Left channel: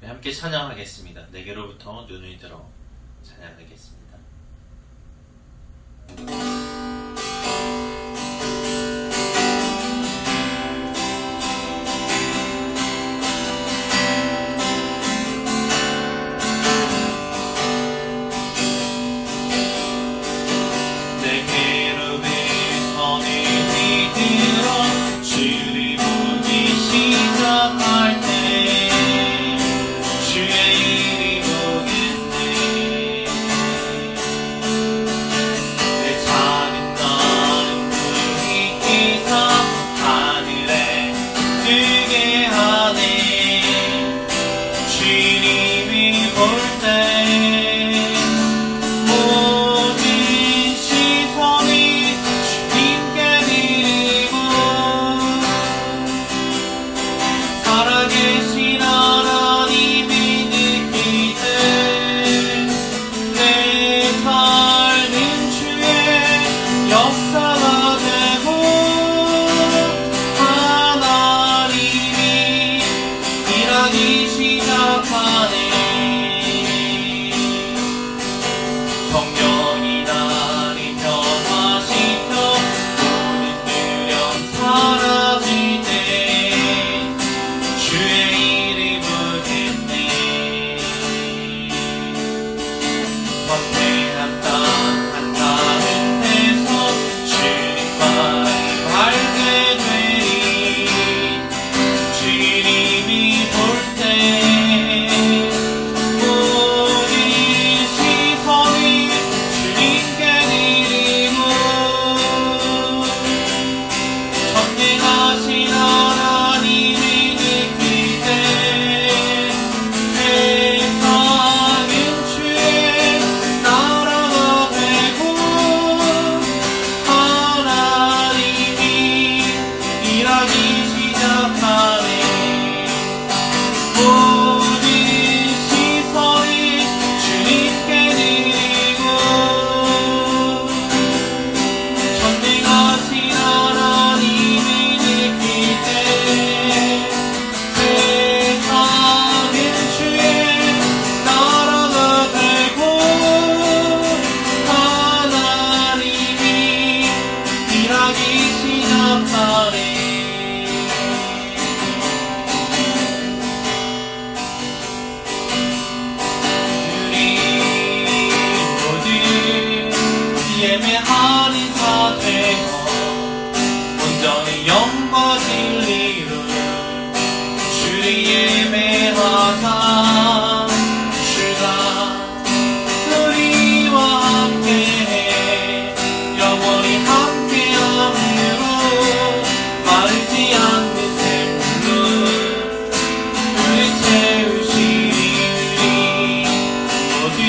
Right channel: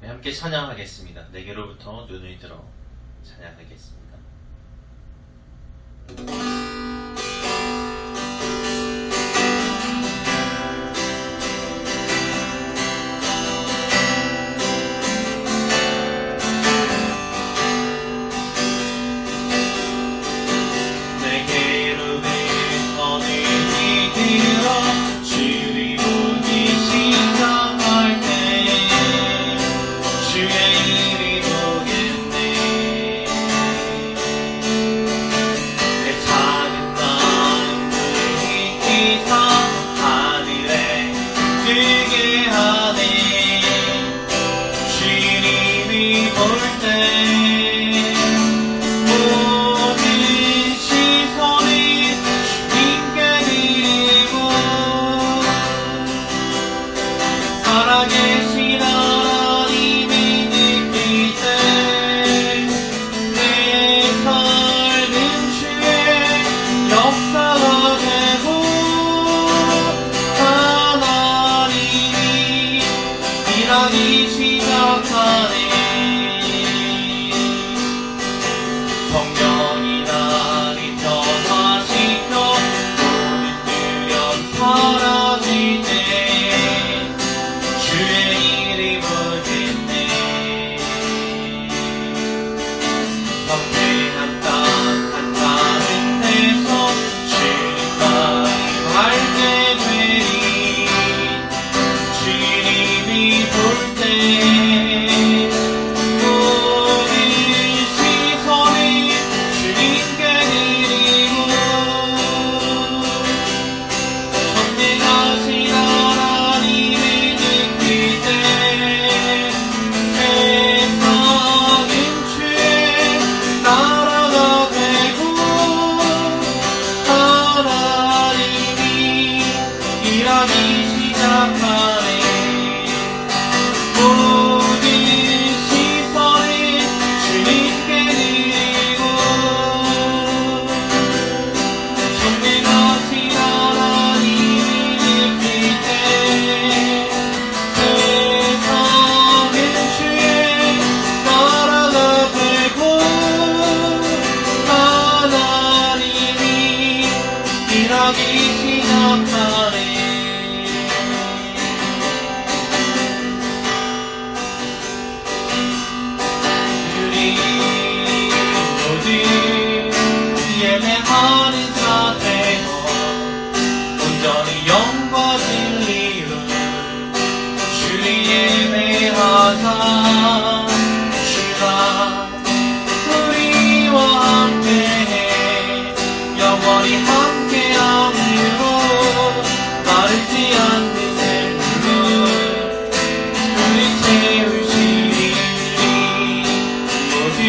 네, 함께 찬양하겠습니다. 내게로부터 눈을 들어 찬양하겠습니다.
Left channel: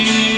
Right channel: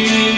you.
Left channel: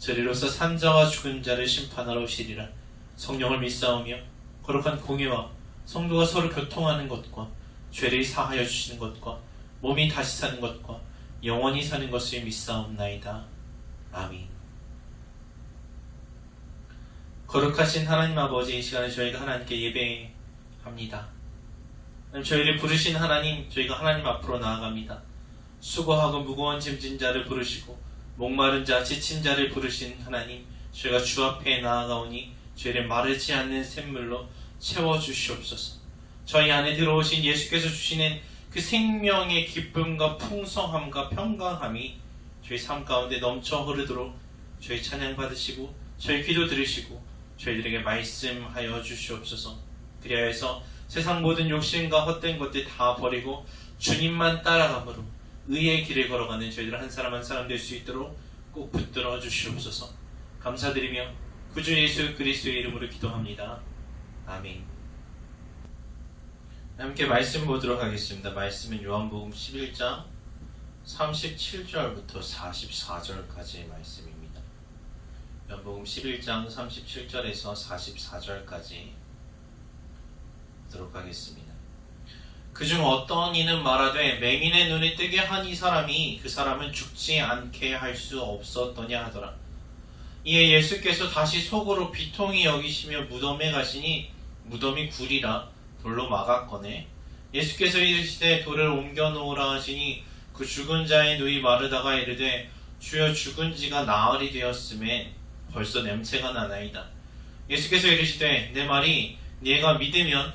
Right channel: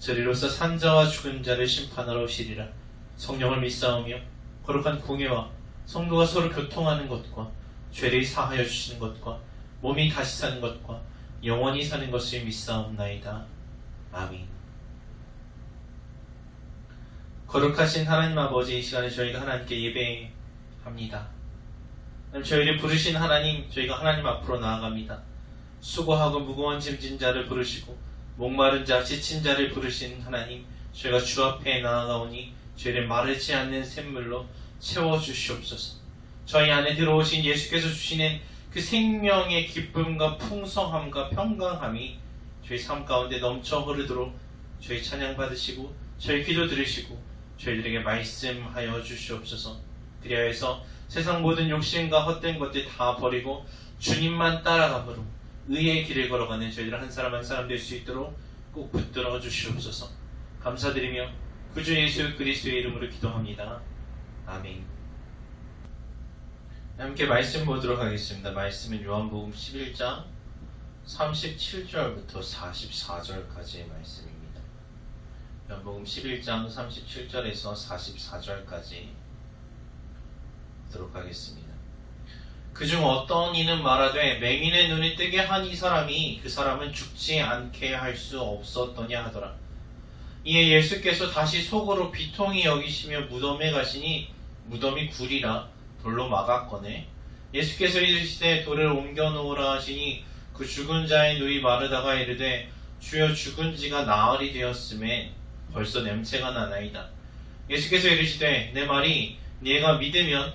저리로서 산자와 죽은 자를 심판하러 오시리라 성령을 믿사오며 거룩한 공예와 성도가 서로 교통하는 것과 죄를 사하여 주시는 것과 몸이 다시 사는 것과 영원히 사는 것을 믿사옵나이다. 아멘. 거룩하신 하나님 아버지 이 시간에 저희가 하나님께 예배합니다. 저희를 부르신 하나님, 저희가 하나님 앞으로 나아갑니다. 수고하고 무거운 짐진 자를 부르시고 목마른 자, 지친 자를 부르신 하나님, 저희가 주 앞에 나아가오니 저희를 마르지 않는 샘물로 채워 주시옵소서. 저희 안에 들어오신 예수께서 주시는 그 생명의 기쁨과 풍성함과 평강함이 저희 삶 가운데 넘쳐 흐르도록 저희 찬양 받으시고 저희 기도 들으시고 저희들에게 말씀하여 주시옵소서. 그리하여서 세상 모든 욕심과 헛된 것들 다 버리고 주님만 따라감으로 의의 길을 걸어가는 저희들 한 사람 한 사람 될 수 있도록 꼭 붙들어 주시옵소서. 감사드리며 구주 예수 그리스도의 이름으로 기도합니다. 아멘. 함께 말씀 보도록 하겠습니다. 말씀은 요한복음 11장 37절부터 44절까지의 말씀입니다. 요한복음 11장 37절에서 44절까지 보도록 하겠습니다. 그중 어떤 이는 말하되 맹인의 눈이 뜨게 한 이 사람이 그 사람은 죽지 않게 할 수 없었더냐 하더라. 이에 예수께서 다시 속으로 비통히 여기시며 무덤에 가시니 무덤이 굴이라 돌로 막았거늘 예수께서 이르시되 돌을 옮겨 놓으라 하시니 그 죽은 자의 눈이 마르다가 이르되 주여 죽은 지가 나흘이 되었음에 벌써 냄새가 나나이다. 예수께서 이르시되 내 말이 네가 믿으면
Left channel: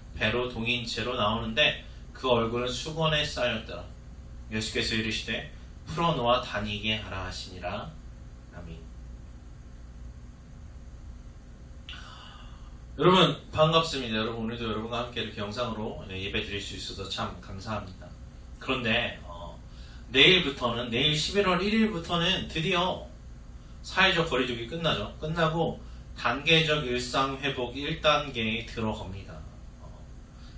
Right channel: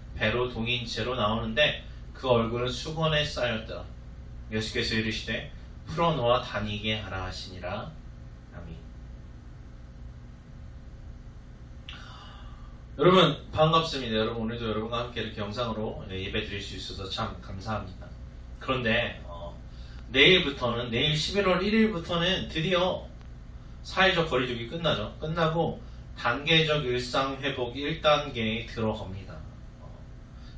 배로 동인 채로 나오는데 그 얼굴은 수건에 쌓였더라. 예수께서 이르시되 풀어놓아 다니게 하라 하시니라. 아멘. 여러분 반갑습니다. 여러분 오늘도 여러분과 함께 이렇게 영상으로 예배 드릴 수 있어서 참 감사합니다. 그런데 어, 내일부터는 내일 11월 1일부터는 드디어 사회적 거리두기 끝나죠. 끝나고 단계적 일상 회복 1단계에 들어갑니다.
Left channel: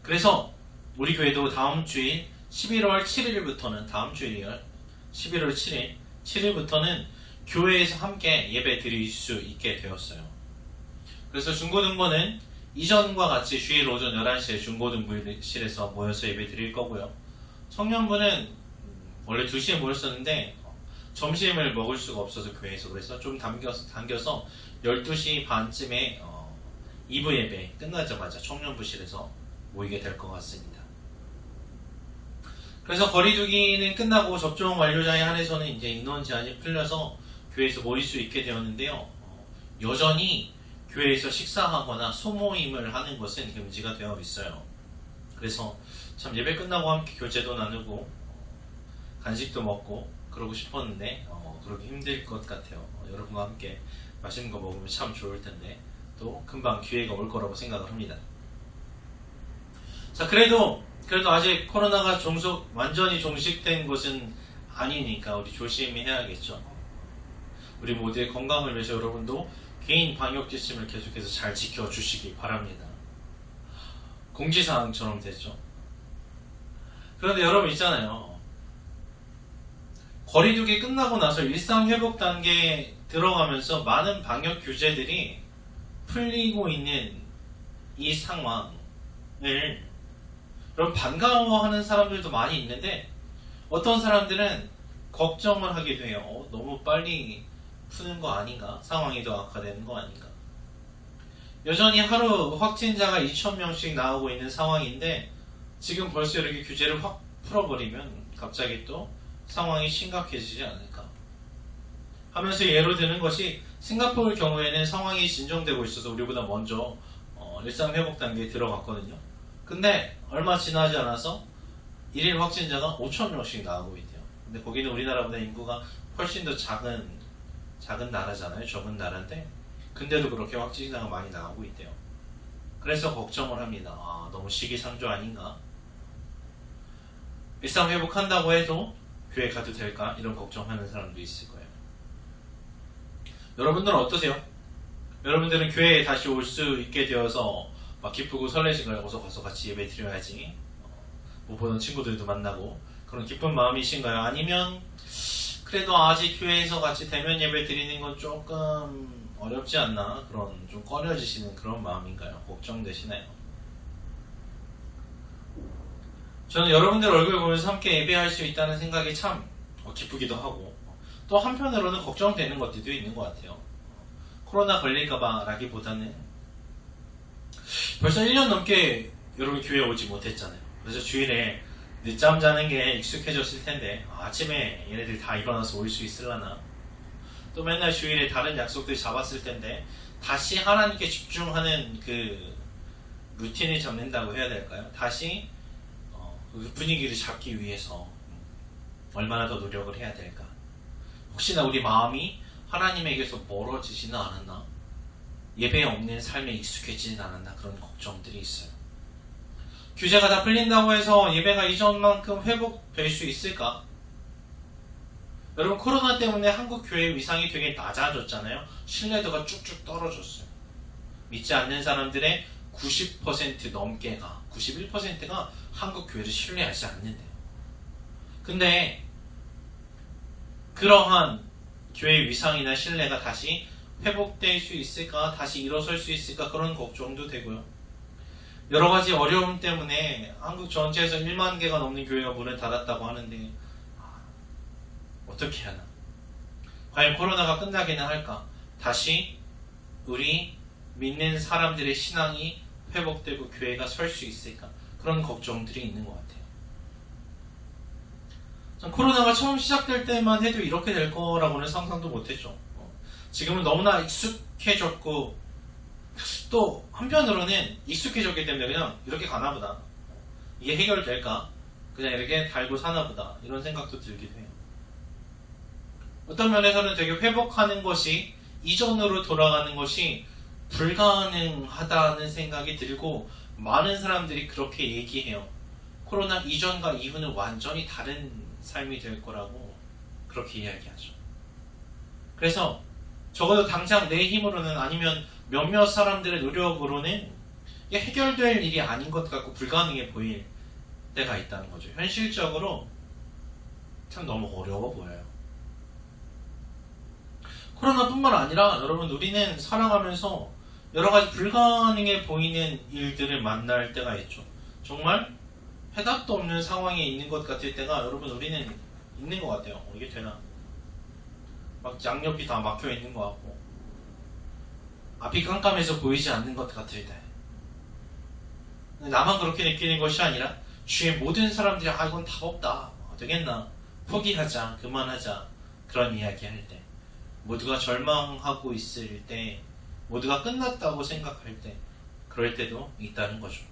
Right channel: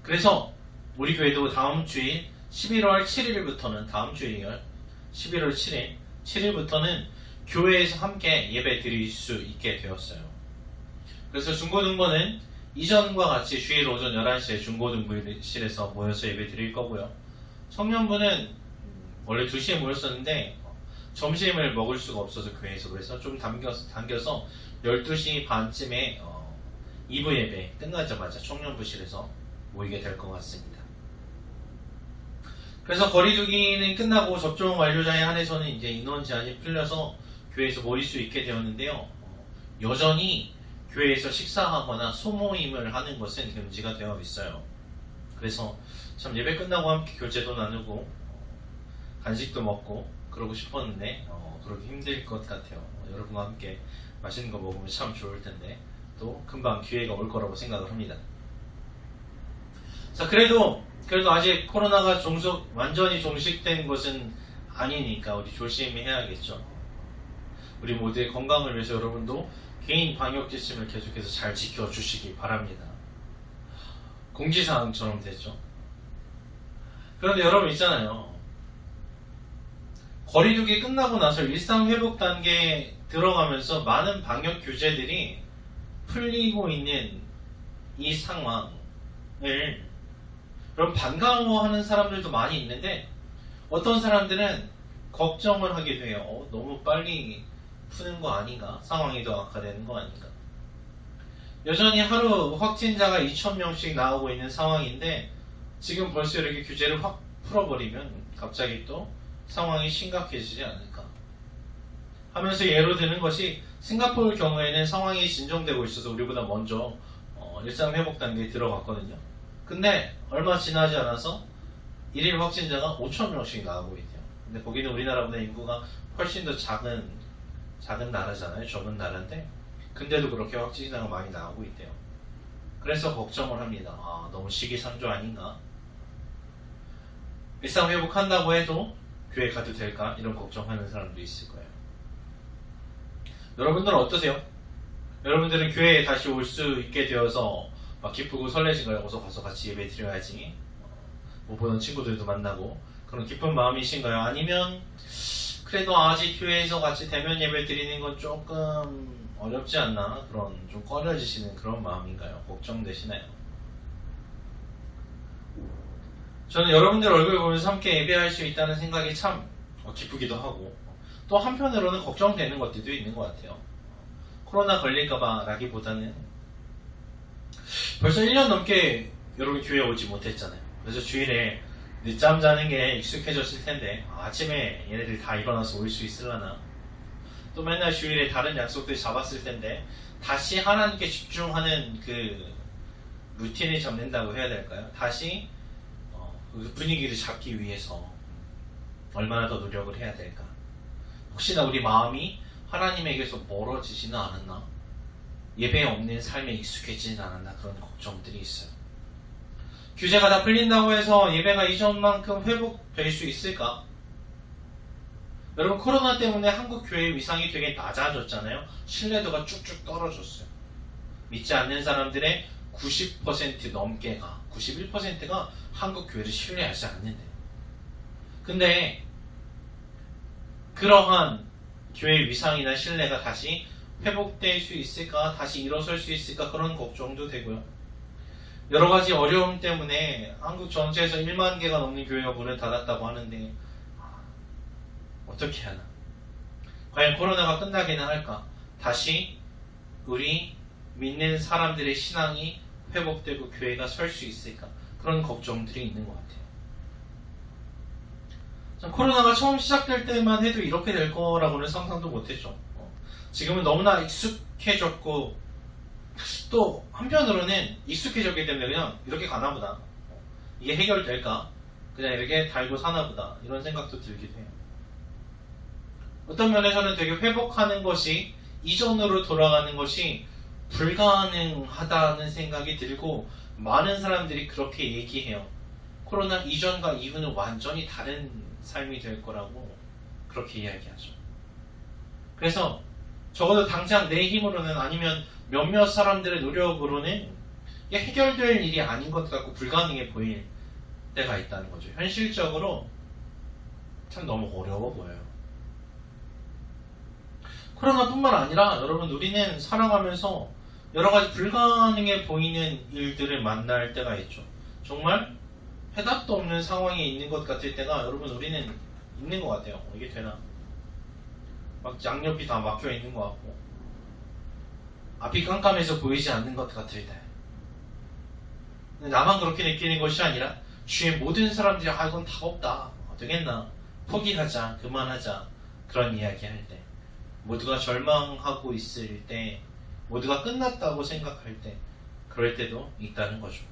어, 그래서 우리 교회도 다음 주일 11월 7일부터는 다음 주일이요. 11월 7일 7일부터는 교회에서 함께 예배 드릴 수 있게 되었어요. 그래서 중고등부는 이전과 같이 주일 오전 11시에 중고등부실에서 모여서 예배 드릴 거고요. 청년부는 원래 2시에 모였었는데 점심을 먹을 수가 없어서 교회에서 그래서 좀 당겨서, 당겨서 12시 반쯤에 어, 2부 예배 끝나자마자 청년부실에서 모이게 될 것 같습니다. 그래서 거리두기는 끝나고 접종 완료자에 한해서는 이제 인원 제한이 풀려서 교회에서 모일 수 있게 되었는데요. 어, 여전히 교회에서 식사하거나 소모임을 하는 것은 금지가 되어 있어요. 그래서 참 예배 끝나고 함께 교제도 나누고 간식도 먹고 그러고 싶었는데 어, 그러기 힘들 것 같아요. 어, 여러분과 함께 맛있는 거 먹으면 참 좋을 텐데 또 금방 기회가 올 거라고 생각을 합니다. 자 그래도 그래도 아직 코로나가 종속 완전히 종식된 것은 아니니까 우리 조심해야겠죠. 우리 모두의 건강을 위해서 여러분도 개인 방역 지침을 계속해서 잘 지켜주시기 바랍니다. 공지사항처럼 됐죠. 그런데 여러분 있잖아요. 거리두기 끝나고 나서 일상 회복 단계에 들어가면서 많은 방역 규제들이 풀리고 있는 이 상황을 여러분 반가워하는 사람들도 많이 있는데 어떤 사람들은 걱정을 하게 돼요. 어, 너무 빨리 푸는 거 아닌가? 상황이 더 악화되는 거 아닌가? 여전히 하루 확진자가 2,000명씩 나오고 있는 상황인데 지금 벌써 이렇게 규제를 확 풀어버리면 갑자기 또 상황이 심각해지지 않을까 하면서 예로 드는 것이 싱가포르 경우에는 상황이 진정되고 있어서 우리보다 먼저 어, 일상 회복 단계에 들어갔거든요. 근데 얼마 지나지 않아서 일일 확진자가 5천 명씩 나오고 있대요. 근데 거기는 우리나라보다 인구가 훨씬 더 작은 작은 나라잖아요. 적은 나라인데 근데도 그렇게 확진자가 많이 나오고 있대요. 그래서 걱정을 합니다. 아, 너무 시기상조 아닌가? 일상 회복한다고 해도 교회 가도 될까? 이런 걱정하는 사람도 있을 거예요. 여러분들은 어떠세요? 여러분들은 교회에 다시 올 수 있게 되어서 막 기쁘고 설레신가요? 어서 가서 같이 예배 드려야지. 어, 못 보던 친구들도 만나고 그런 기쁜 마음이신가요? 아니면 그래도 아직 교회에서 같이 대면 예배 드리는 건 조금 어렵지 않나 그런 좀 꺼려지시는 그런 마음인가요? 걱정되시나요? 저는 여러분들 얼굴 보면서 함께 예배할 수 있다는 생각이 참 어, 기쁘기도 하고 또 한편으로는 걱정되는 것들도 있는 것 같아요. 코로나 걸릴까봐 라기보다는 벌써 1년 넘게 여러분 교회 오지 못했잖아요. 그래서 주일에 늦잠 자는 게 익숙해졌을 텐데 아, 아침에 얘네들 다 일어나서 올 수 있을라나 또 맨날 주일에 다른 약속들 잡았을 텐데 다시 하나님께 집중하는 그 루틴을 잡는다고 해야 될까요? 다시 어, 그 분위기를 잡기 위해서 얼마나 더 노력을 해야 될까? 혹시나 우리 마음이 하나님에게서 멀어지지는 않았나? 예배 없는 삶에 익숙해지진 않았나? 그런 걱정들이 있어요. 규제가 다 풀린다고 해서 예배가 이전만큼 회복될 수 있을까? 여러분 코로나 때문에 한국 교회 위상이 되게 낮아졌잖아요. 신뢰도가 쭉쭉 떨어졌어요. 믿지 않는 사람들의 90% 넘게가 91%가 한국 교회를 신뢰하지 않는데. 근데 그러한 교회 위상이나 신뢰가 다시 회복될 수 있을까? 다시 일어설 수 있을까? 그런 걱정도 되고요. 여러 가지 어려움 때문에 한국 전체에서 1만 개가 넘는 교회가 문을 닫았다고 하는데 어떻게 하나? 과연 코로나가 끝나기는 할까? 다시 우리 믿는 사람들의 신앙이 회복되고 교회가 설 수 있을까? 그런 걱정들이 있는 것 같아요. 전 코로나가 처음 시작될 때만 해도 이렇게 될 거라고는 상상도 못했죠. 어, 지금은 너무나 익숙해졌고 또 한편으로는 익숙해졌기 때문에 그냥 이렇게 가나 보다. 이게 해결될까? 그냥 이렇게 달고 사나 보다. 이런 생각도 들기도 해요. 어떤 면에서는 되게 회복하는 것이 이전으로 돌아가는 것이 불가능하다는 생각이 들고 많은 사람들이 그렇게 얘기해요. 코로나 이전과 이후는 완전히 다른 삶이 될 거라고 그렇게 이야기하죠. 그래서 적어도 당장 내 힘으로는 아니면 몇몇 사람들의 노력으로는 이게 해결될 일이 아닌 것 같고 불가능해 보일 때가 있다는 거죠. 현실적으로 참 너무 어려워 보여요. 코로나뿐만 아니라 여러분 우리는 살아가면서 여러 가지 불가능해 보이는 일들을 만날 때가 있죠. 정말 해답도 없는 상황에 있는 것 같을 때가 여러분 우리는 있는 것 같아요. 이게 되나? 막 양옆이 다 막혀 있는 것 같고 앞이 깜깜해서 보이지 않는 것 같을 때. 나만 그렇게 느끼는 것이 아니라 주위의 모든 사람들이 아 이건 답 없다. 어떻겠나? 포기하자, 그만하자 그런 이야기 할 때. 모두가 절망하고 있을 때, 모두가 끝났다고 생각할 때, 그럴 때도 있다는 거죠.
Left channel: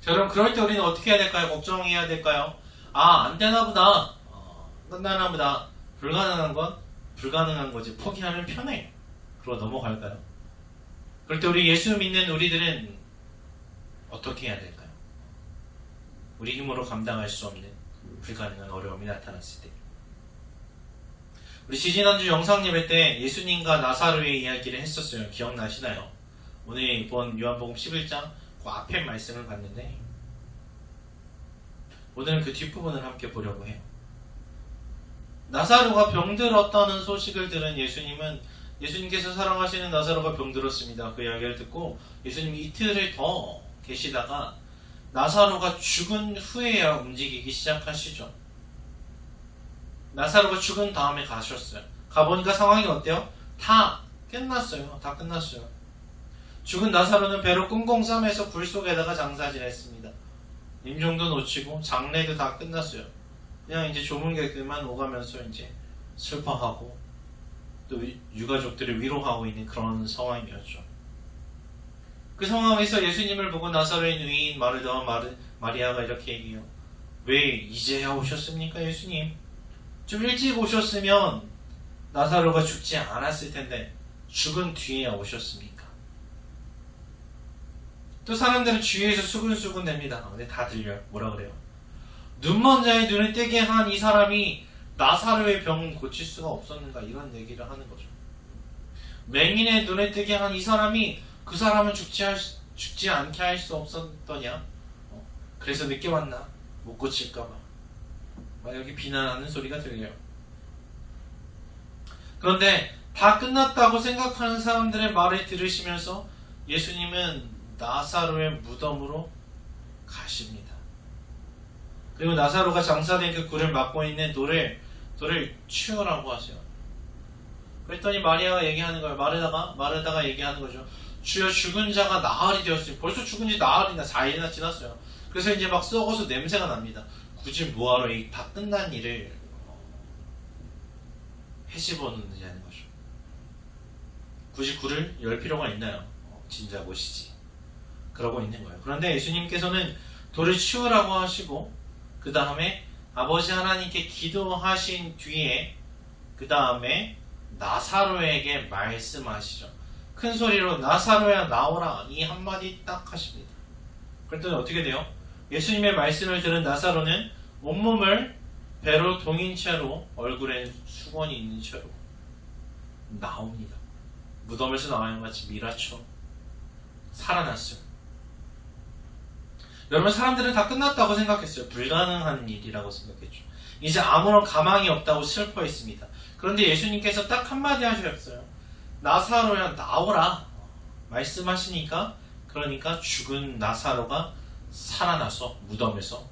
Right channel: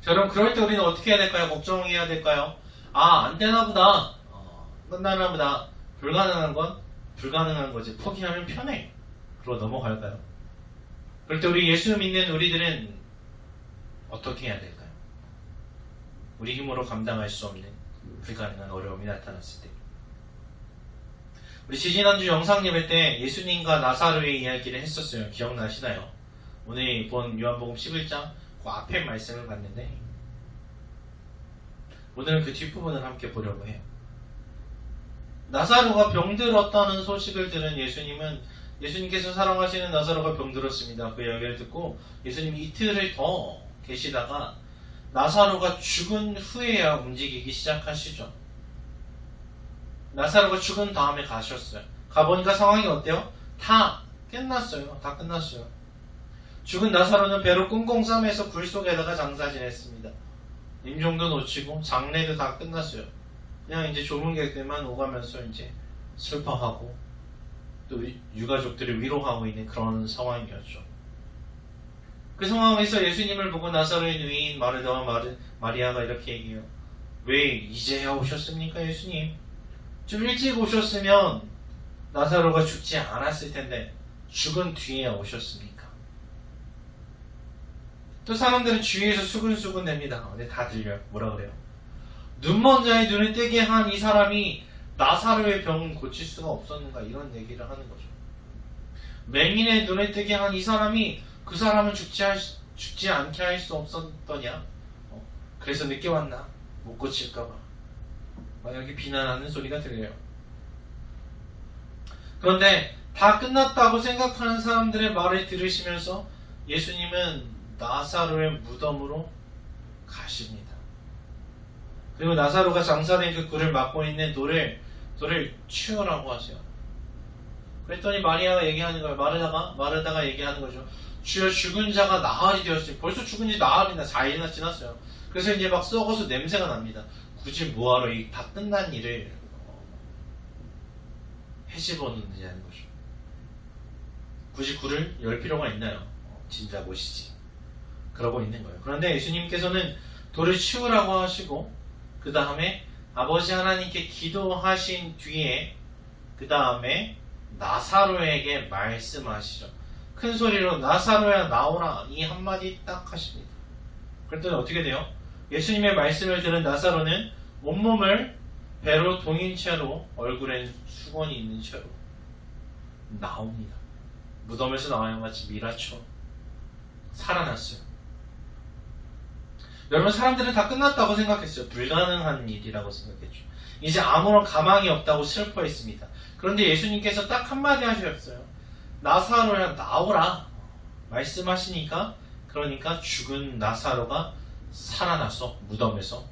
자, 그럼 그럴 때 우리는 어떻게 해야 될까요? 걱정해야 될까요? 아, 안 되나 보다. 어, 끝나나 보다. 불가능한 건 불가능한 거지. 포기하면 편해. 그러고 넘어갈까요? 그럴 때 우리 예수 믿는 우리들은 어떻게 해야 될까요? 우리 힘으로 감당할 수 없는 불가능한 어려움이 나타났을 때. 우리 지지난주 영상 예배 때 예수님과 나사로의 이야기를 했었어요. 기억나시나요? 오늘 본 요한복음 11장 그 앞에 말씀을 봤는데 오늘은 그 뒷부분을 함께 보려고 해요. 나사로가 병들었다는 소식을 들은 예수님은 예수님께서 사랑하시는 나사로가 병들었습니다. 그 이야기를 듣고 예수님이 이틀을 더 계시다가 나사로가 죽은 후에야 움직이기 시작하시죠. 나사로가 죽은 다음에 가셨어요. 가보니까 상황이 어때요? 다 끝났어요. 다 끝났어요. 죽은 나사로는 배로 꽁꽁 싸매서 굴 속에다가 장사 지냈습니다. 임종도 놓치고 장례도 다 끝났어요. 그냥 이제 조문객들만 오가면서 이제 슬퍼하고 또 유가족들을 위로하고 있는 그런 상황이었죠. 그 상황에서 예수님을 보고 나사로의 누이인 마르다와 마르, 마리아가 이렇게 얘기해요. 왜 이제야 오셨습니까, 예수님? 좀 일찍 오셨으면 나사로가 죽지 않았을 텐데 죽은 뒤에 오셨습니까? 또 사람들은 주위에서 수근수근 냅니다. 근데 다 들려요. 뭐라 그래요? 눈먼 자의 눈을 뜨게 한 이 사람이 나사로의 병을 고칠 수가 없었는가 이런 얘기를 하는 거죠. 맹인의 눈을 뜨게 한 이 사람이 그 사람은 죽지, 할, 수- 죽지 않게 할 수 없었더냐? 어, 그래서 늦게 왔나? 못 고칠까봐. 막 이렇게 비난하는 소리가 들려요. 그런데 다 끝났다고 생각하는 사람들의 말을 들으시면서 예수님은 나사로의 무덤으로 가십니다. 그리고 나사로가 장사된 그 굴을 막고 있는 돌을 돌을 치우라고 하세요. 그랬더니 마리아가 얘기하는 거예요. 마르다가 마르다가 얘기하는 거죠. 주여 죽은 자가 나흘이 되었어요. 벌써 죽은 지 나흘이나 4일이나 지났어요. 그래서 이제 막 썩어서 냄새가 납니다. 굳이 뭐하러 이 다 끝난 일을 어, 해집어놓느냐는 거죠. 굳이 굴을 열 필요가 있나요? 어, 진작 오시지. 그러고 있는 거예요. 그런데 예수님께서는 돌을 치우라고 하시고 그 다음에 아버지 하나님께 기도하신 뒤에 그 다음에 나사로에게 말씀하시죠. 큰 소리로 나사로야 나오라 이 한마디 딱 하십니다. 그랬더니 어떻게 돼요? 예수님의 말씀을 들은 나사로는 온몸을 배로 동인 채로 얼굴엔 수건이 있는 채로 나옵니다. 무덤에서 나와요 같이 미라초 살아났어요. 여러분 사람들은 다 끝났다고 생각했어요. 불가능한 일이라고 생각했죠. 이제 아무런 가망이 없다고 슬퍼했습니다. 그런데 예수님께서 딱 한마디 하셨어요. 나사로야 나오라 말씀하시니까 그러니까 죽은 나사로가 살아나서 무덤에서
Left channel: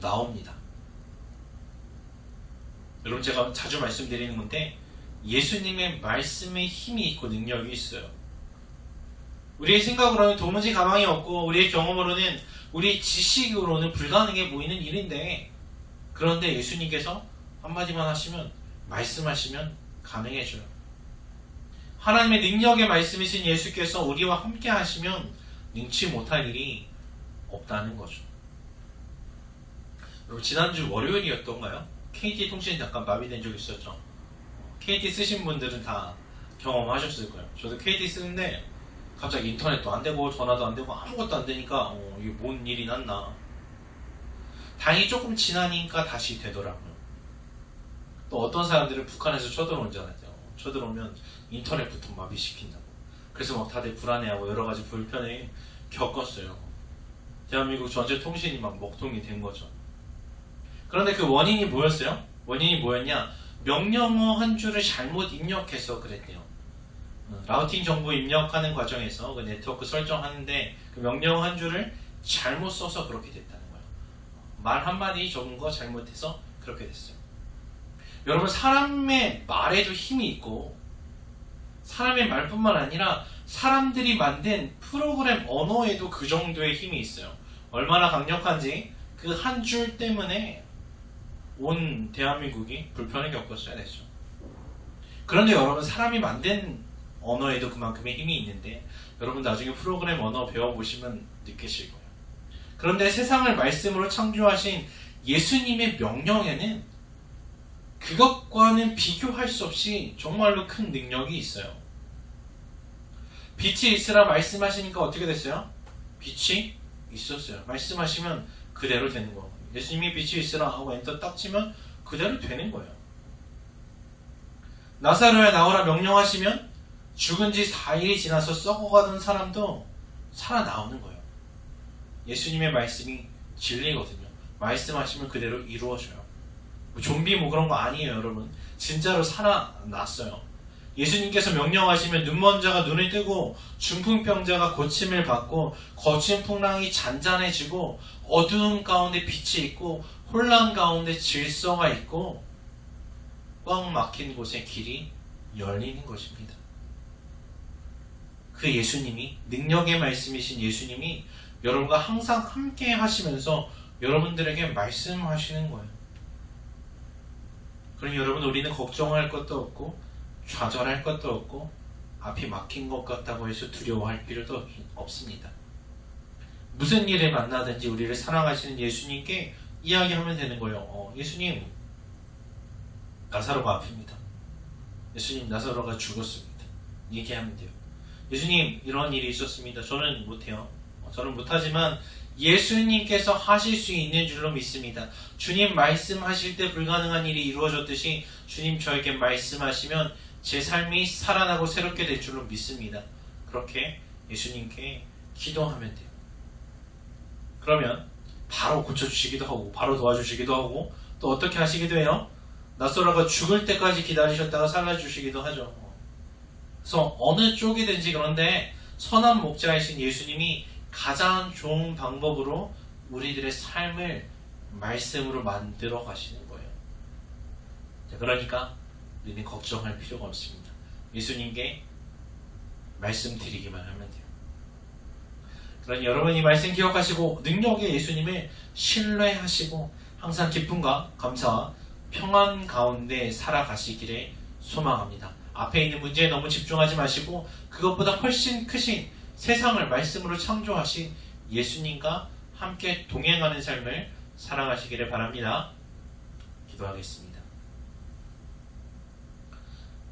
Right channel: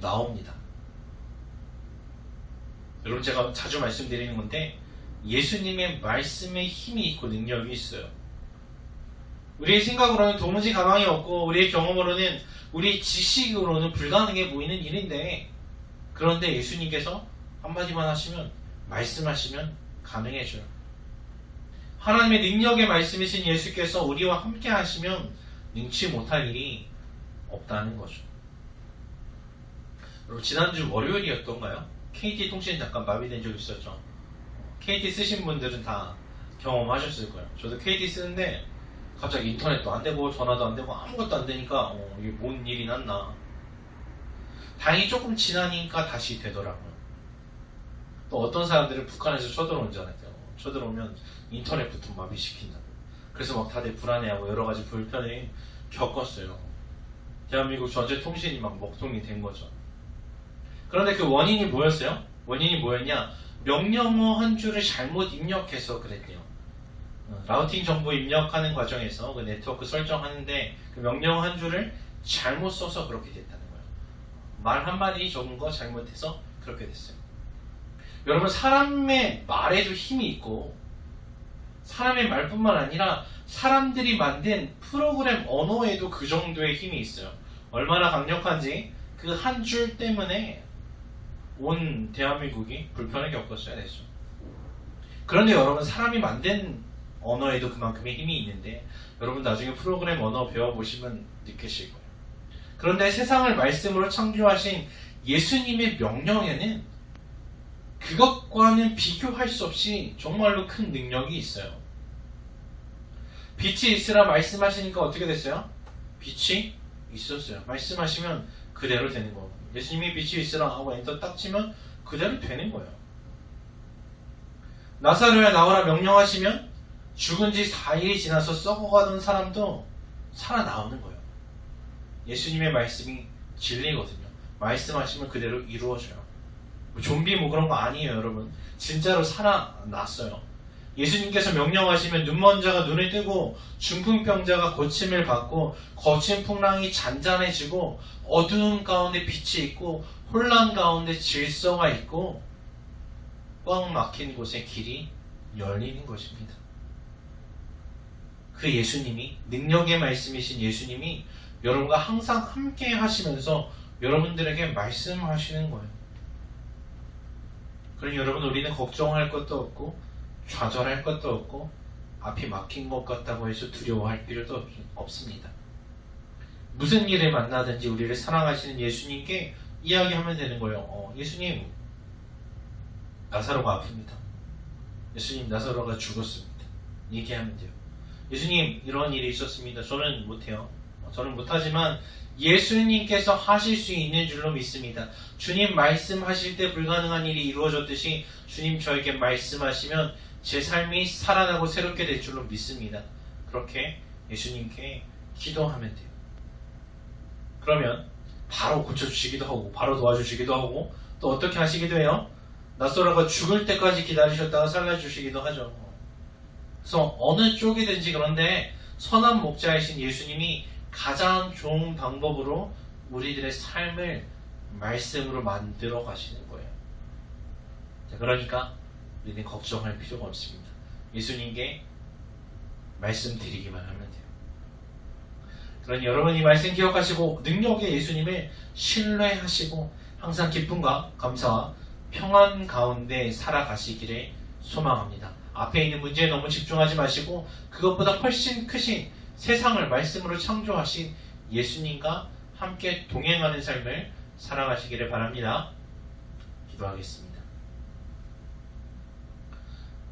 나옵니다. 여러분 제가 자주 말씀드리는 건데 예수님의 말씀에 힘이 있고 능력이 있어요. 우리의 생각으로는 도무지 가망이 없고 우리의 경험으로는 우리의 지식으로는 불가능해 보이는 일인데 그런데 예수님께서 한마디만 하시면 말씀하시면 가능해져요. 하나님의 능력의 말씀이신 예수께서 우리와 함께 하시면 능치 못할 일이 없다는 거죠. 여러분 지난주 월요일이었던가요? KT 통신이 잠깐 마비된 적 있었죠. KT 쓰신 분들은 다 경험하셨을 거예요. 저도 KT 쓰는데 갑자기 인터넷도 안 되고 전화도 안 되고 아무것도 안 되니까 어, 이게 뭔 일이 났나. 다행히 조금 지나니까 다시 되더라고요. 또 어떤 사람들은 북한에서 쳐들어오잖아요. 쳐들어오면 인터넷부터 마비시킨다고. 그래서 막 다들 불안해하고 여러 가지 불편을 겪었어요. 대한민국 전체 통신이 막 먹통이 된 거죠. 그런데 그 원인이 뭐였어요? 원인이 뭐였냐? 명령어 한 줄을 잘못 입력해서 그랬대요. 어, 라우팅 정보 입력하는 과정에서 그 네트워크 설정하는데 그 명령 한 줄을 잘못 써서 그렇게 됐다는 거예요. 말 한마디 적은 거 잘못해서 그렇게 됐어요. 여러분 사람의 말에도 힘이 있고 사람의 말뿐만 아니라 사람들이 만든 프로그램 언어에도 그 정도의 힘이 있어요. 얼마나 강력한지 그 한 줄 때문에 온 대한민국이 불편을 겪었어야 됐죠. 그런데 여러분 사람이 만든 언어에도 그만큼의 힘이 있는데 여러분 나중에 프로그램 언어 배워보시면 느끼실 거예요. 그런데 세상을 말씀으로 창조하신 예수님의 명령에는 그것과는 비교할 수 없이 정말로 큰 능력이 있어요. 빛이 있으라 말씀하시니까 어떻게 됐어요? 빛이 있었어요. 말씀하시면 그대로 되는 거예요. 예수님이 빛이 있으라 하고 엔터 딱 치면 그대로 되는 거예요. 나사로야 나오라 명령하시면 죽은 지 4일이 지나서 썩어가던 사람도 살아나오는 거예요. 예수님의 말씀이 진리거든요. 말씀하시면 그대로 이루어져요. 뭐 좀비 뭐 그런 거 아니에요, 여러분. 진짜로 살아났어요. 예수님께서 명령하시면 눈먼 자가 눈을 뜨고 중풍병자가 고침을 받고 거친 풍랑이 잔잔해지고 어두운 가운데 빛이 있고 혼란 가운데 질서가 있고 꽉 막힌 곳에 길이 열리는 것입니다. 그 예수님이 능력의 말씀이신 예수님이 여러분과 항상 함께 하시면서 여러분들에게 말씀하시는 거예요. 그러니 여러분 우리는 걱정할 것도 없고 좌절할 것도 없고 앞이 막힌 것 같다고 해서 두려워할 필요도 없, 없습니다. 무슨 일을 만나든지 우리를 사랑하시는 예수님께 이야기하면 되는 거예요. 어, 예수님 나사로가 아픕니다. 예수님 나사로가 죽었습니다. 얘기하면 돼요. 예수님 이런 일이 있었습니다. 저는 못해요. 어, 저는 못하지만 예수님께서 하실 수 있는 줄로 믿습니다. 주님 말씀하실 때 불가능한 일이 이루어졌듯이 주님 저에게 말씀하시면 제 삶이 살아나고 새롭게 될 줄로 믿습니다. 그렇게 예수님께 기도하면 돼요. 그러면 바로 고쳐주시기도 하고 바로 도와주시기도 하고 또 어떻게 하시기도 해요? 나소라가 죽을 때까지 기다리셨다가 살려주시기도 하죠. 그래서 어느 쪽이든지 그런데 선한 목자이신 예수님이 가장 좋은 방법으로 우리들의 삶을 말씀으로 만들어 가시는 거예요. 자, 그러니까 우리는 걱정할 필요가 없습니다. 예수님께 말씀드리기만 하면 돼요. 그러니 여러분 이 말씀 기억하시고 능력의 예수님을 신뢰하시고 항상 기쁨과 감사와 평안 가운데 살아가시기를 소망합니다. 앞에 있는 문제에 너무 집중하지 마시고 그것보다 훨씬 크신 세상을 말씀으로 창조하신 예수님과 함께 동행하는 삶을 살아가시기를 바랍니다. 기도하겠습니다.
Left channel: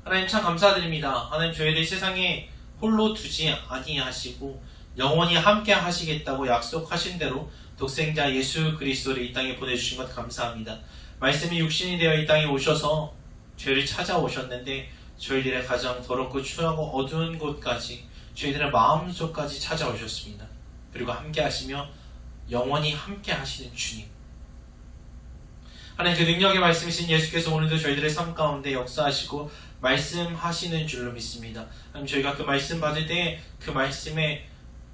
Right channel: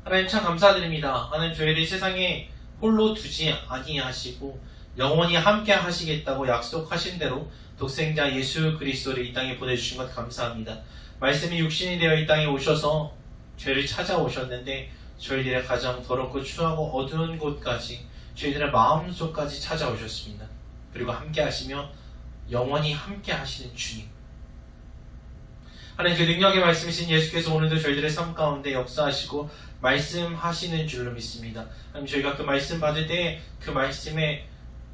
하나님 참 감사드립니다. 하나님 저희를 세상에 홀로 두지 아니하시고 영원히 함께 하시겠다고 약속하신 대로 독생자 예수 그리스도를 이 땅에 보내주신 것 감사합니다. 말씀이 육신이 되어 이 땅에 오셔서 죄를 찾아오셨는데 저희들의 가장 더럽고 추하고 어두운 곳까지 저희들의 마음속까지 찾아오셨습니다. 그리고 함께 하시며 영원히 함께 하시는 주님. 하나님 그 능력의 말씀이신 예수께서 오늘도 저희들의 삶 가운데 역사하시고 말씀하시는 줄로 믿습니다. 하나님 저희가 그 말씀 받을 때 그 말씀에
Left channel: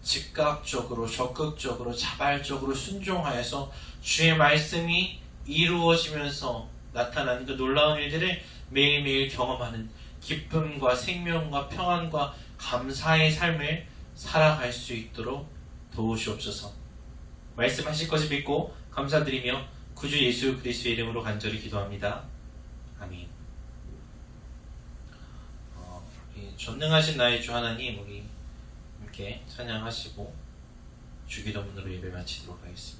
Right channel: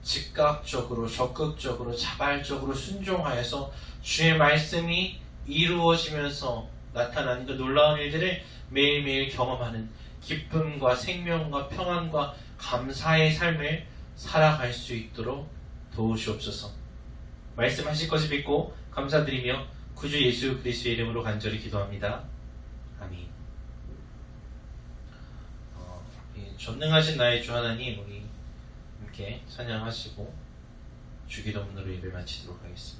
즉각적으로 적극적으로 자발적으로 순종하여서 주의 말씀이 이루어지면서 나타나는 그 놀라운 일들을 매일매일 경험하는 기쁨과 생명과 평안과 감사의 삶을 살아갈 수 있도록 도우시옵소서. 말씀하실 것을 믿고 감사드리며 구주 예수 그리스도의 이름으로 간절히 기도합니다. 아멘. 어, 이 전능하신 나의 주 하나님 우리 함께 찬양하시고 주기도문으로 예배 마치도록 하겠습니다.